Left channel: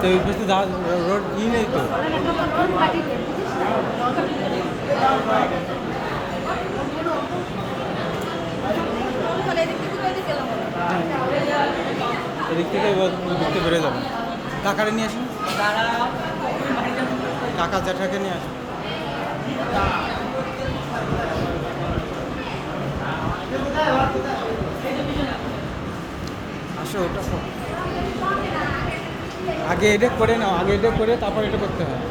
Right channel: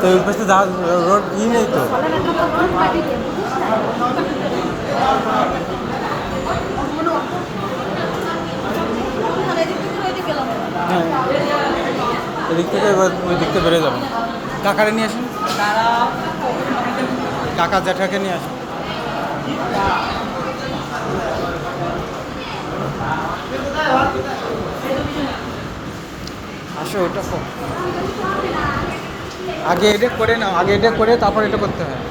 তো ওই পাশে রোড ই নেই তো। হ্যাঁ, এদিক থেকে এবার ওই দিক থেকে বেড়ে যাবেন। কাকারে নিয়ে আসুন, কাকা জ্যাঠাকে নিয়ে আসুন। আসো, ওটা আগে এটা করে নাও, আগে এটা করে তারপর এটা করতে হয়।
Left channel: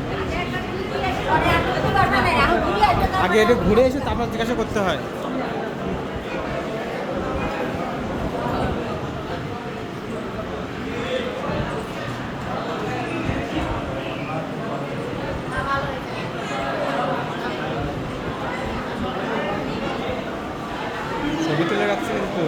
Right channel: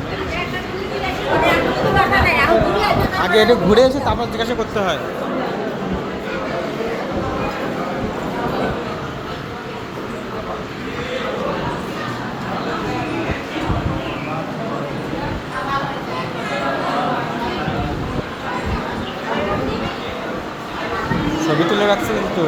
আগে এটা ঘুরে এসে তারপর জিজ্ঞাসা করতে হয়। ছবি তুলে রাখছি কিন্তু।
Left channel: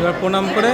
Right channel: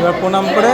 এবার প্রণাম করে